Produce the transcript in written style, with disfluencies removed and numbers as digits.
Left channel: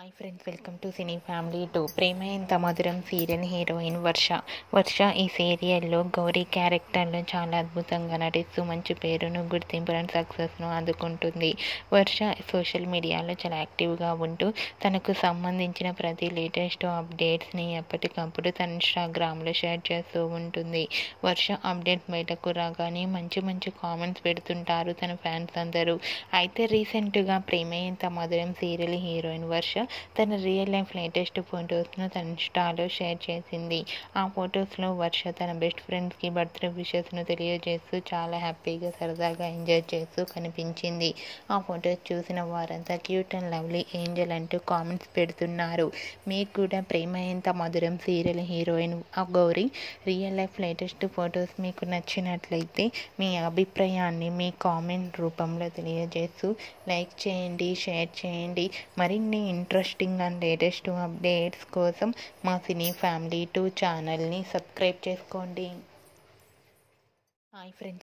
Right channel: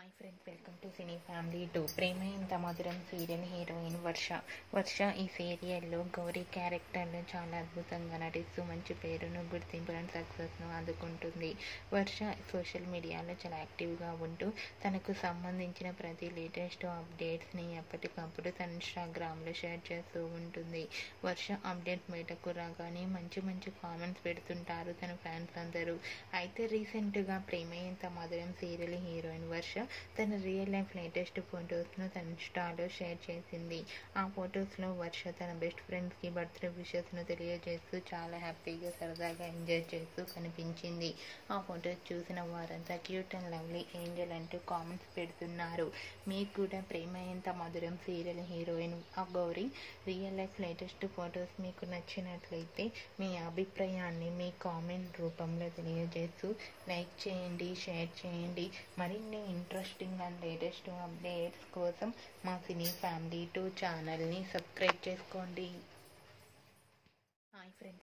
Hi friends, welcome to cine family 2. ప్రేమ ఎంత మధురం serial heroine వర్ష ఈ సీరియల్లో గౌరీ క్యారెక్టర్లో చాలా అద్భుతంగా నటిస్తూ మంచి పేరును, గుర్తింపును, సక్సెస్ను అందుకుంటుంది. వర్ష సోషల్ మీడియాలో చాలా యాక్టివ్గా ఉంటూ తనకు సంబంధించిన ప్రతి లేటెస్ట్ అప్డేట్స్ని ఎప్పటికప్పుడు తన ఇన్స్టాగ్రామ్లో షేర్ చేస్తూ ఉంటుంది. వర్ష అప్డేట్స్ బయటకు రాగానే మంచి మంచి కామెంట్స్ పెడుతుంటారు తన ఫ్యాన్స్ అందరూ. అయితే రీసెంట్గా ప్రేమ ఎంత మధురం సీరియల్ హీరోయిన్ వర్ష తన రియల్ లైఫ్ లేటెస్ట్ ఫొటోస్ను తన ఇన్స్టాలో షేర్ చేసింది. ఆ ఫొటోస్లో వర్ష తన బెస్ట్ ఫ్రెండ్స్కి బర్త్డే విషెస్ను తెలియజేస్తూ చాలా హ్యాపీగా, సరదాగా ఎంజాయ్ చేస్తూ కనిపించింది. ఆ ఫొటోస్ చూసిన వారంతా క్యూట్ అండ్ లవ్లీ ఏంజల్ అంటూ కామెంట్స్ పెడుతున్నారు. మీకు కూడా ప్రేమ ఎంత మధురం serial heroine Gauri real life latest photos మీకు నచ్చినట్లయితే మీ అభిప్రాయాన్ని మీ కామెంట్ రూపంలో తెలియజేస్తూ లైక్ చేయండి, షేర్ చేయండి. మరిన్ని ఇంట్రెస్టింగ్ అండ్ లేటెస్ట్ అప్డేట్స్ కోసం మా సినీ ఫ్యామిలీ 2 ఛానల్ని సబ్స్క్రైబ్ చేసుకోండి. Hi friends.